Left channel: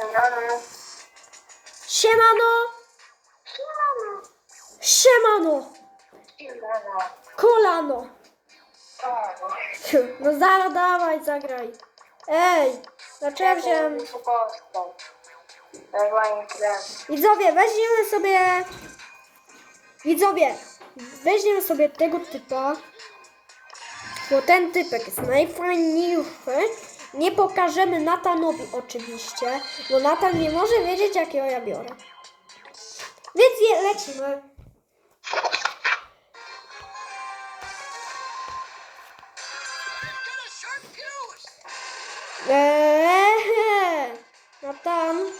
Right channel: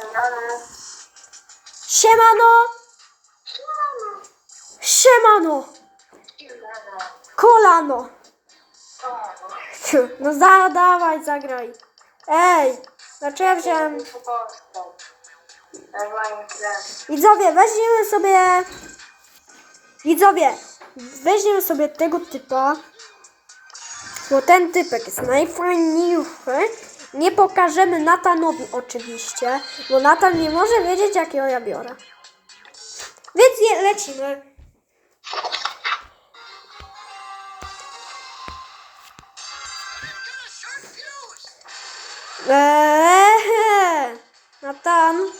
Siemano. Siemano! Siemano. Siemano! Siemano. Kolano! No za, dawaj, zagraj. Ej! Znaczy ja wziąłem... Widzowie, weźmiemy sobie... Widzowie, weźmiemy sobie tego typa. Bo ten typek jest najfajniejszy. Nie pokażemy Natanowi oczywiście, bo Natan nie może wiedzieć jakiego ja biorę. Więc je, lecimy. Eee, Natan,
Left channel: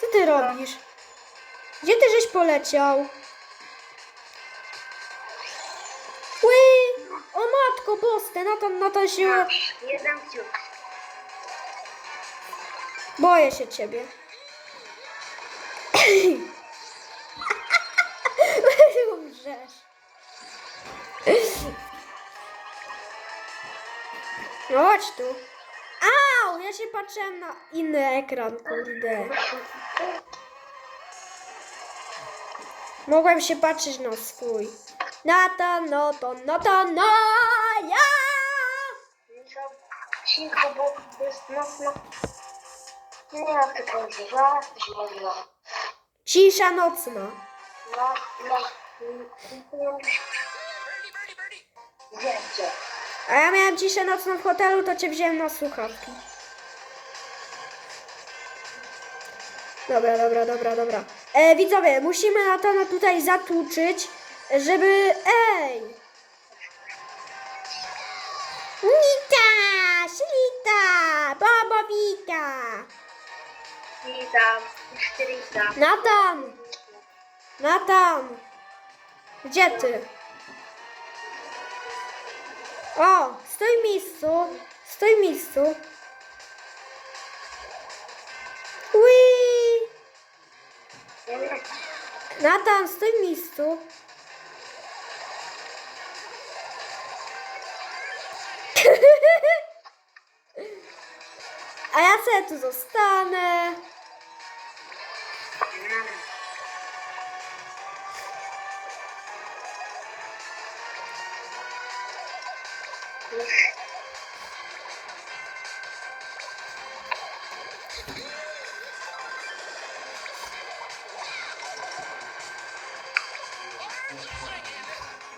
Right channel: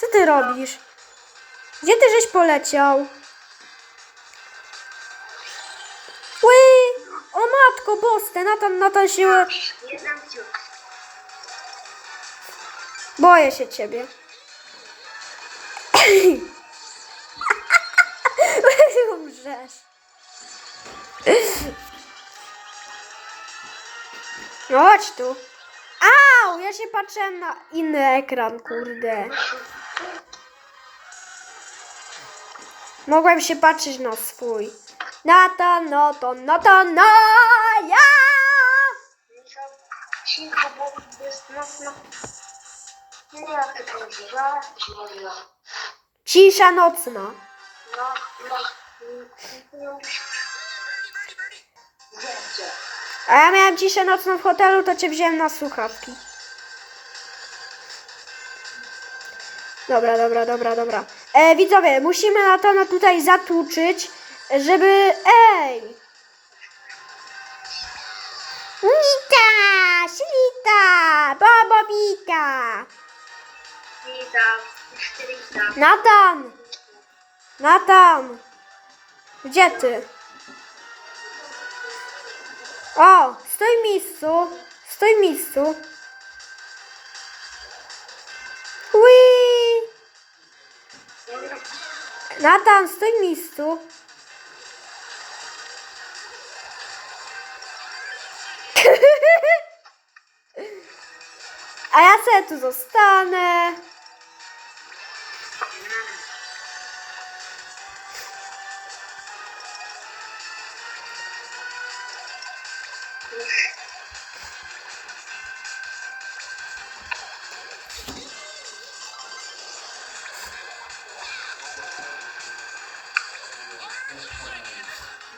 co ty robisz? Gdzie ty żeś poleciał? Ły! O matko boste, Natan, Natan się... Jeden ciuk. Boję się ciebie. Umrzesz. Chodź tu. Au! Ja się patrzę na inny ekran, kurde. Mogłem się patrzeć na swój. Nata, no to, no to, no ja! Cicho, bo to jest zima. Cisza nocna. No, no. Musisz. Zdjęcie. A ja miałem ciszę nocną w hotelu, to cię wziąłem na słuchawki. Dobra, dobra, dobra, dobra. E, widzowie, musimy Natana tutaj zatłuczyć, żeby... Ej! Nita! Ślita! Bobowika! Natan! Natan! Gdzie ty? O! Stój w miejscu! Stój w miejscu! Ui! Natan, stój w miejscu! A ja sobie tu zostanę.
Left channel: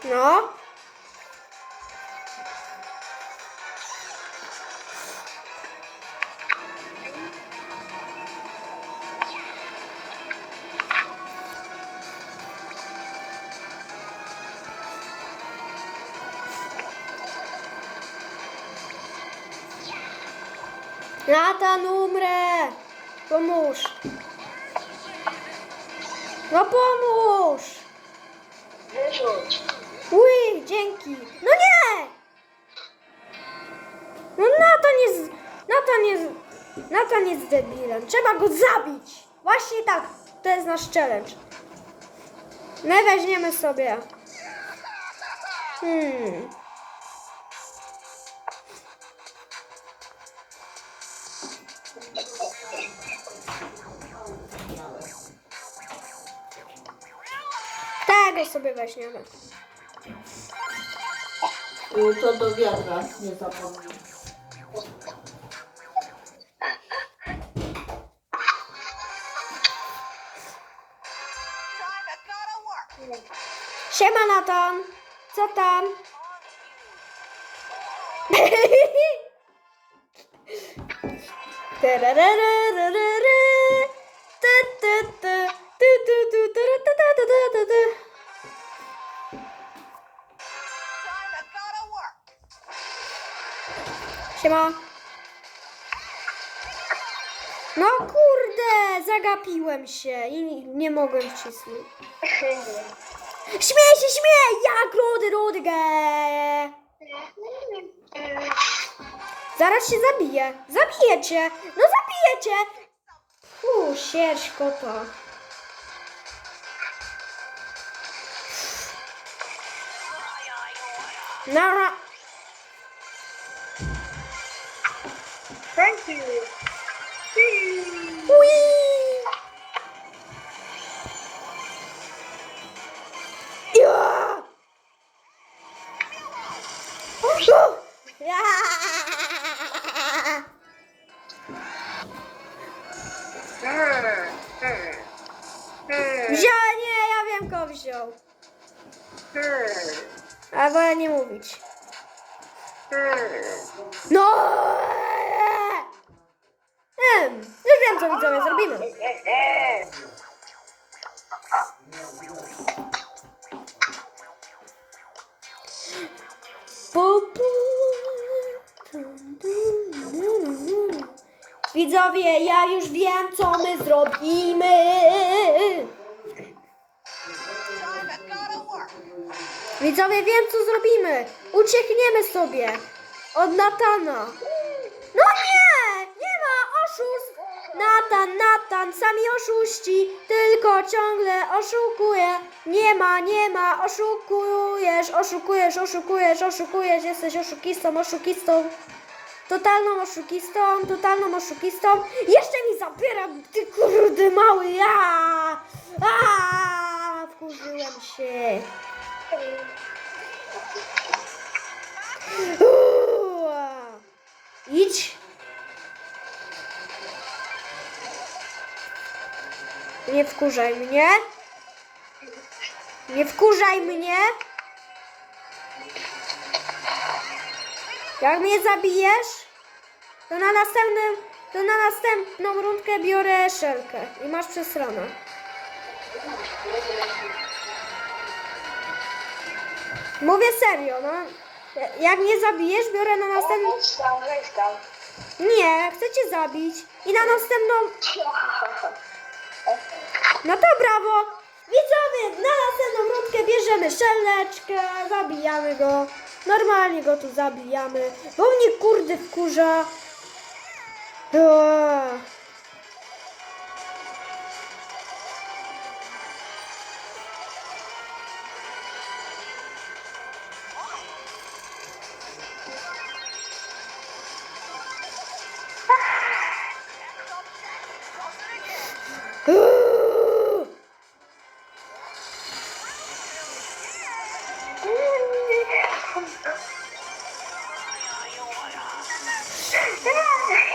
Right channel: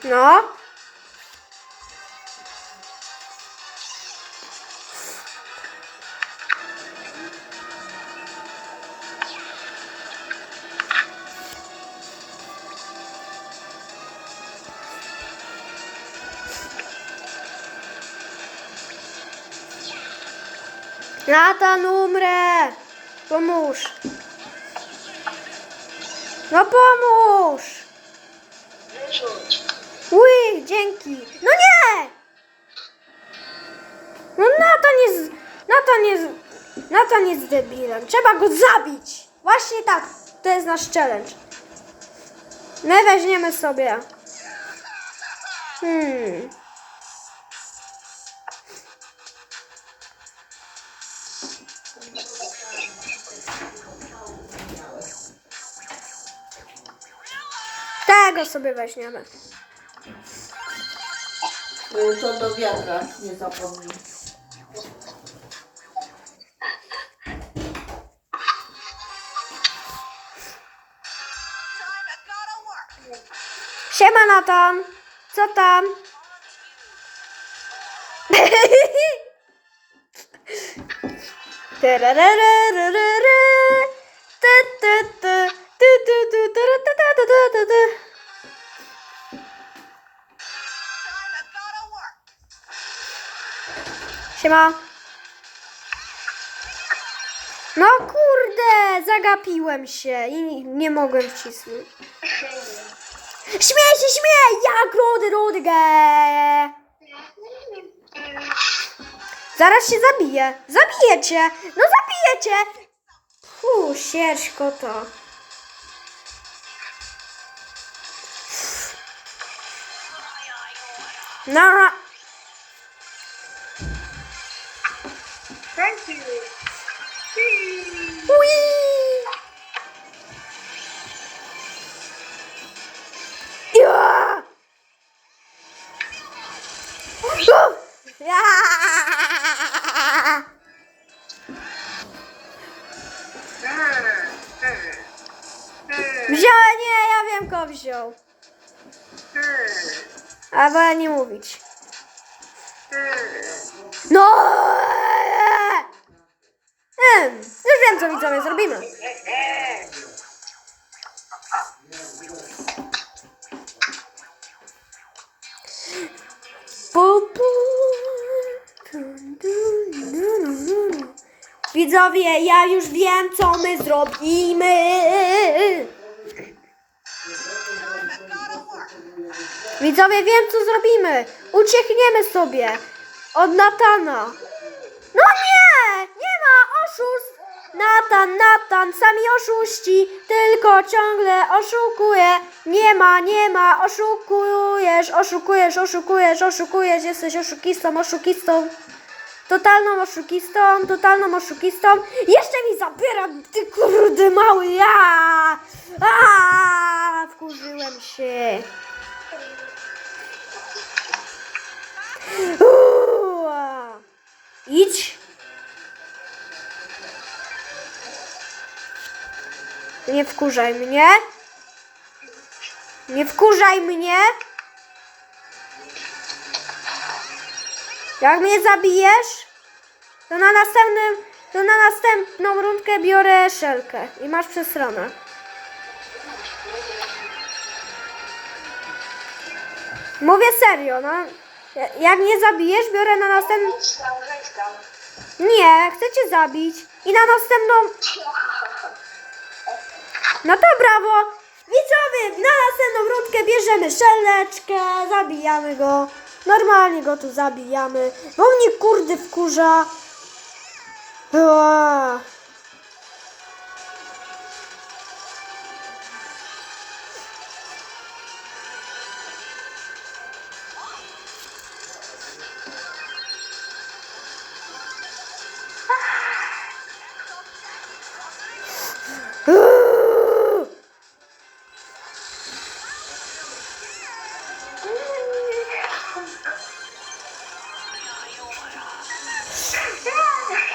No. Natan, umrę! Pomóż! No pomóż! Uj, dzięki. No nie! No Natan jest... Natan jest... Natan jest debilem. Trzeba go zabić. Właśnie tak. To jest nasz challenge. My weźmiemy sobie. Hmm. Tego sobie weźmiemy. Y, To do wiadra, nie zapomnij. Siema Natan. Co tam? Siema. No kurde, zagapiłem się i nie mogłem wcisnąć. Śmiej się, śmiej! Jak rudy, rudy, Zaraz się zabiję. Zabijecie! No zabijecie! Fu, sierść kota. Nara. Thank wziął. Hmm. A wolę nie mówić. Hmm. No! Em, już wiem, co widzowie zrobimy. Widzowie, ja już wiem, co my zrobimy. Widzowie, wiem, co zrobimy. Uciekniemy sobie od Natana. No nie! Nie ma oszustw! Natan, Natan, sami oszuści, tylko ciągle oszukuje. Nie ma, nie ma, oszukujesz, oszukujesz, oszukujesz, oszukujesz, jesteś oszukistą, oszukistą. Totalną oszukistą, totalną oszukistą. Jeszcze mi zabiera, ty kurde mały, ja! A, wkurzyłem się. Idź. Nie wkurzaj mnie. Nie wkurzaj mnie. Jak mnie zabijesz, to na następnym, to na następną rundkę biorę szelkę i masz przesronę. Mówię serio, no. Jak mnie zabijesz, biorę na następną... Weź tam, weź tam. Nie, chcę cię zabić. I na następną... No to brawo! Widzowie, na następną rundkę bierzemy szeleczkę, zabijamy go. Normalnie go tu zabijamy, bo mnie kurde wkurza. Ua.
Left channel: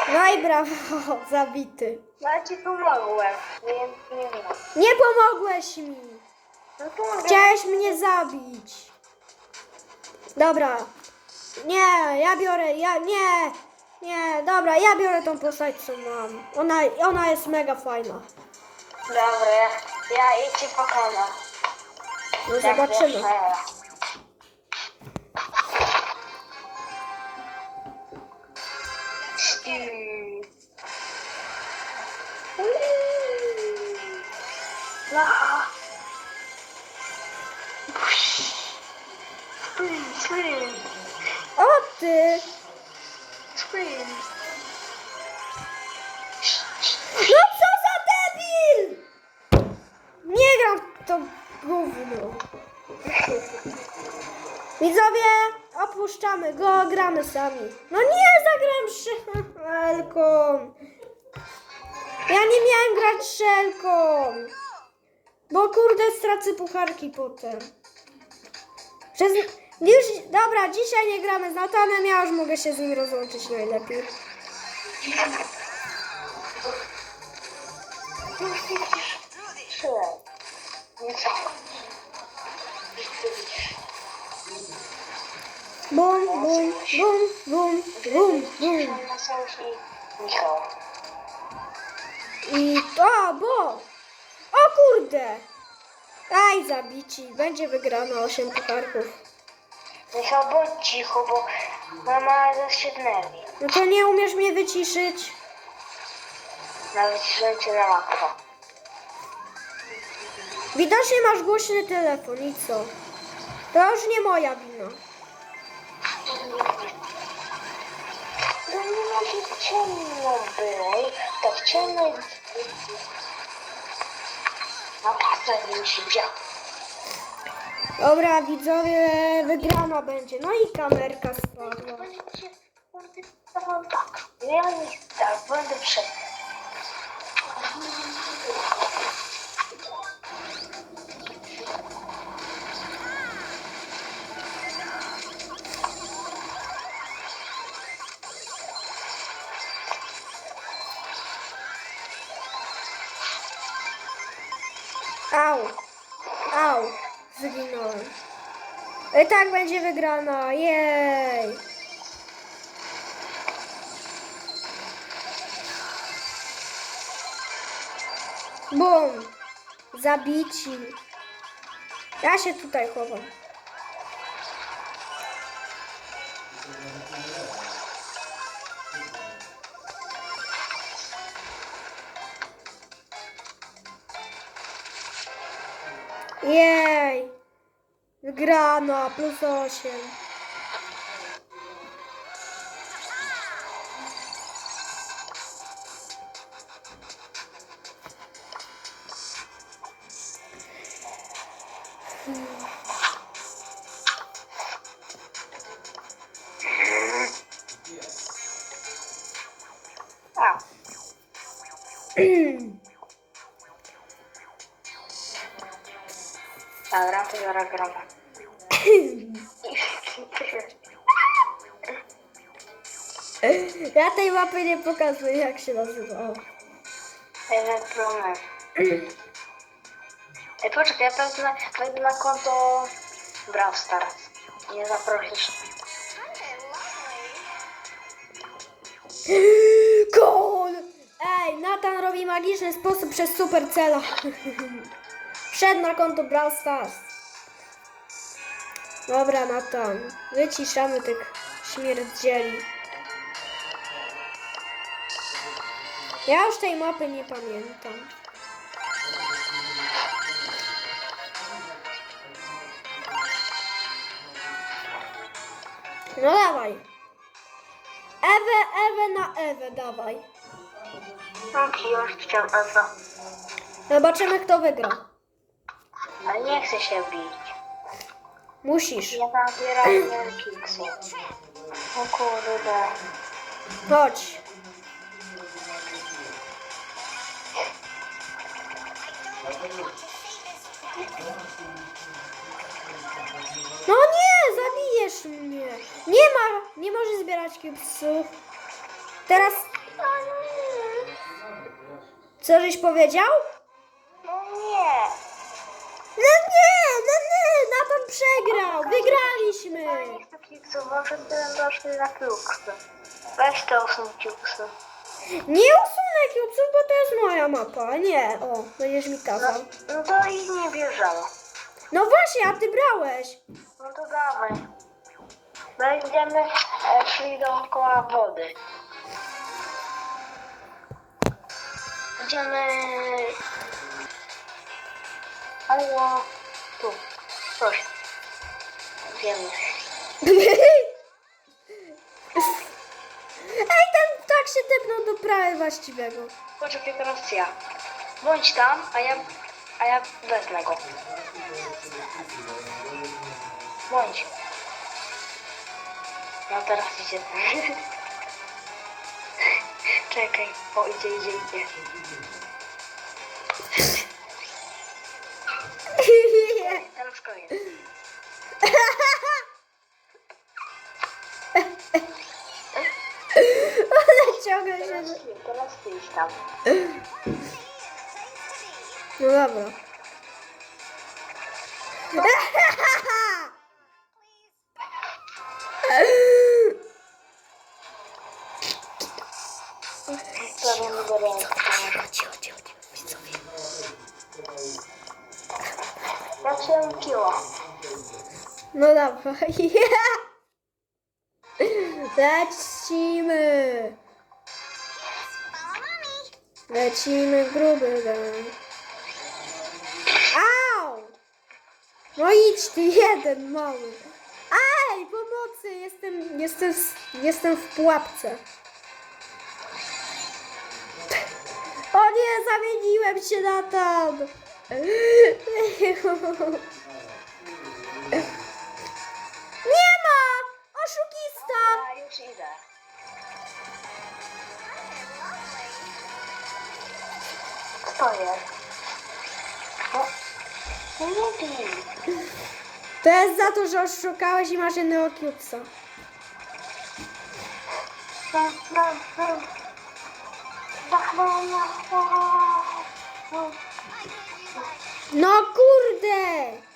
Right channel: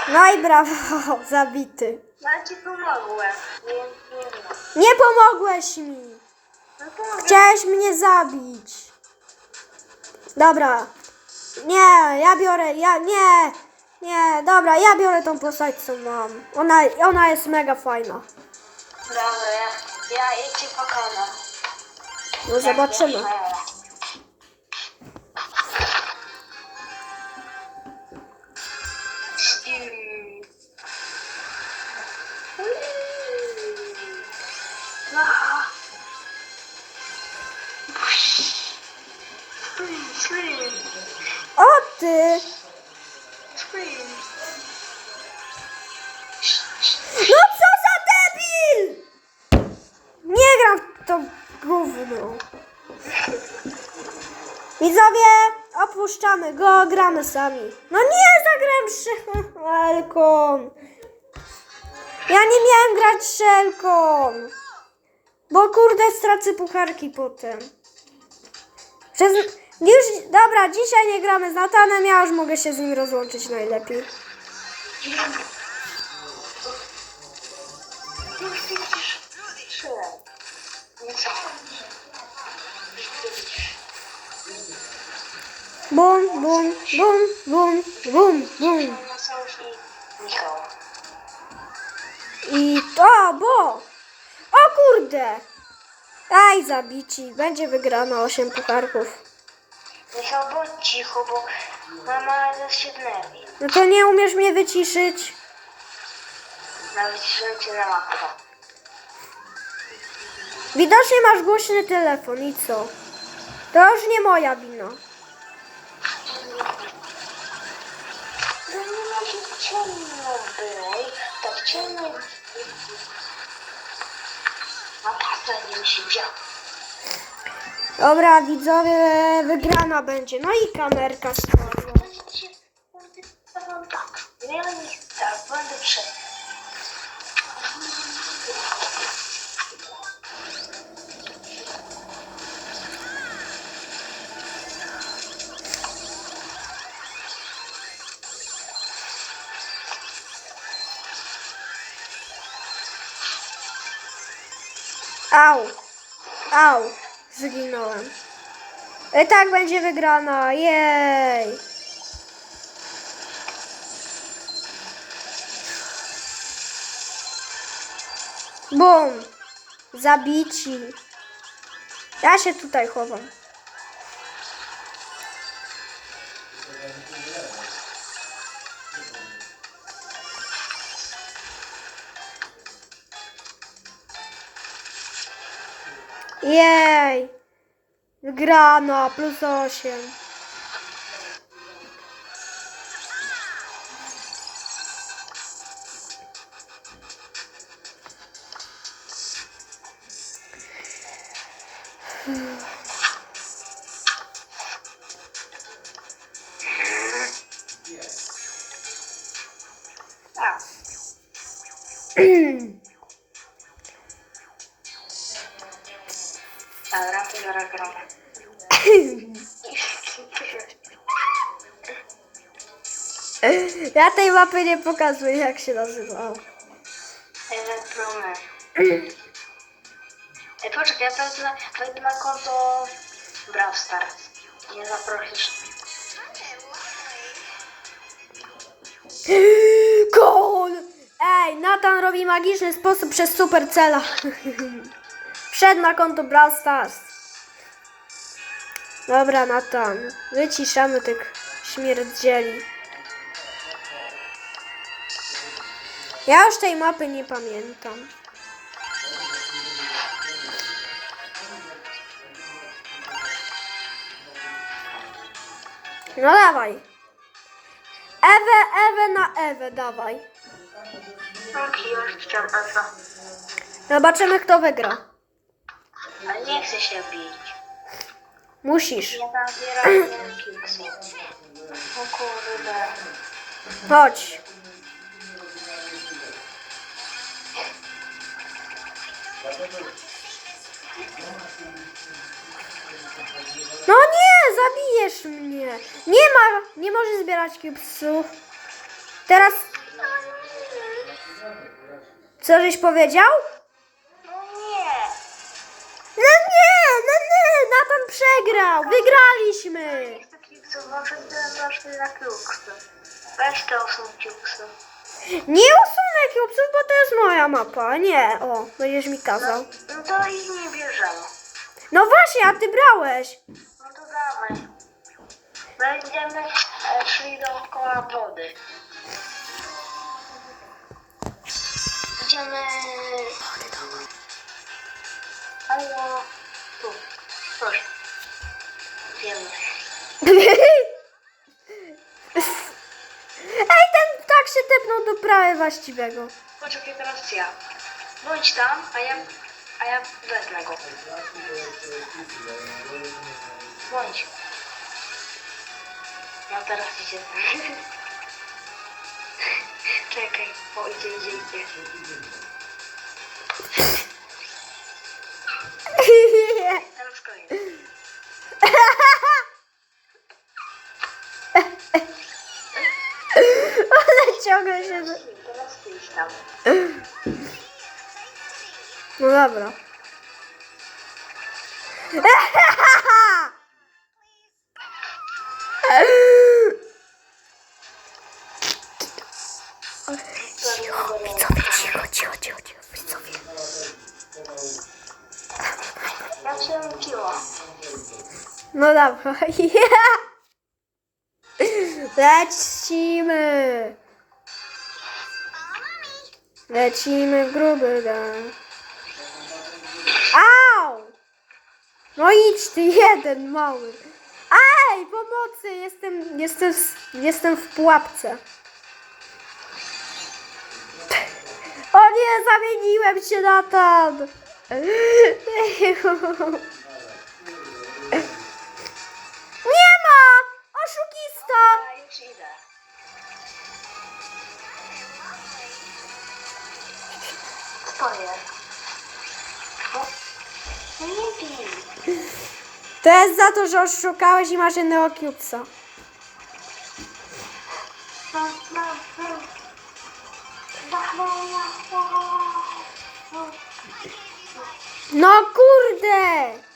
No i brawo, zabity. Ja ci pomogłem. Nie, nie, nie. Nie pomogłeś mi. No to Chciałeś mnie zabić. Dobra. Nie, ja biorę, ja, nie. Nie, dobra, ja biorę tą postać, co mam. Ona, ona jest mega fajna. Dobra, ja, ja idź ci pokonam. No zobaczymy. düştüm. Lan opuszczamy go, gramy sami. No nie, zagram szelką. Ja nie miałem grać szelką. Bo kurde stracę pucharki potem. Przez... Już, dobra, dzisiaj nie gramy z Natanem, ja już mogę się z nim rozłączyć najlepiej. Nie Bum, bum, bum, bum, bum, bum. Sofi. Michał. I to, bo. O kurde. Aj, zabici. Będzie wygrana 8 pucharków. Michał, bądź cicho, bo mama zaraz się denerwi. No to nie umiesz mnie wyciszyć. Nawet cię na makro. Widocznie masz głośny telefon i co? To już nie moja wina. Ma się ciemno było. Tak ciemno. A pasta nie się działa. Dobra, widzowie, wygrana będzie. No i kamerka spadła. Ja nie tak. Będę przed... zginąłem. I tak będzie wygrana, jej. Bum, zabici. Ja się tutaj chowam. Jej! Wygrana, plus 8. A. Ja tej mapy nie pokazuję, jak się nazywał. Ej, poczekaj, ja wejdę na konto Brawl Stars. Nie zaprosisz. Gol! Ej, Nathan robi magiczny sposób przez Supercella. Wszedł na konto Brawl Stars. Dobra, Nathan. Wyciszamy tych śmierdzieli. Ja już tej mapy nie pamiętam. No dawaj. Ewę, Ewę na Ewę, dawaj. Okej, już chciałam Ewa. Zobaczymy, kto wygra. Ale nie chcę się bić. Musisz. Ja nabieram kilku. O kurde. Chodź. No nie, zabijesz mnie. Nie ma, nie możesz zbierać cubesów. Teraz, co żeś powiedział? No nie. No nie, no nie, Nathan przegrał. Wygraliśmy. Chwilą doszli na. Weź te. Nie cubesów, bo to jest moja mapa. Nie, o, będziesz mi kazał. No to ich nie bierzemy. No właśnie, a ty brałeś. No to dawaj. Będziemy e, szli dookoła wody. Idziemy... Halo. Tu. Coś. Wiemy. Ptak się tepnął do prawy właściwego. Poczekaj teraz ja. Bądź tam, a ja... A ja wezmę go. Bądź. No teraz idzie. Czekaj. O, idzie, idzie, idzie. Teraz koniec. Ciągle się... Teraz ty idź tam. No dobra. Cicho, cicho, cicho, widzowie. Ja się kiła. No dobra. Lecimy. Lecimy w gruby dan. Au! No idź ty jeden mały. Ej, pomocy! Jestem, jestem, jestem w pułapce. O nie, zamieniłem się na tam. Nie ma! Oszukista! To jest? No, nie bij. To jest za to, że oszukałeś i masz jednego no. No kurde!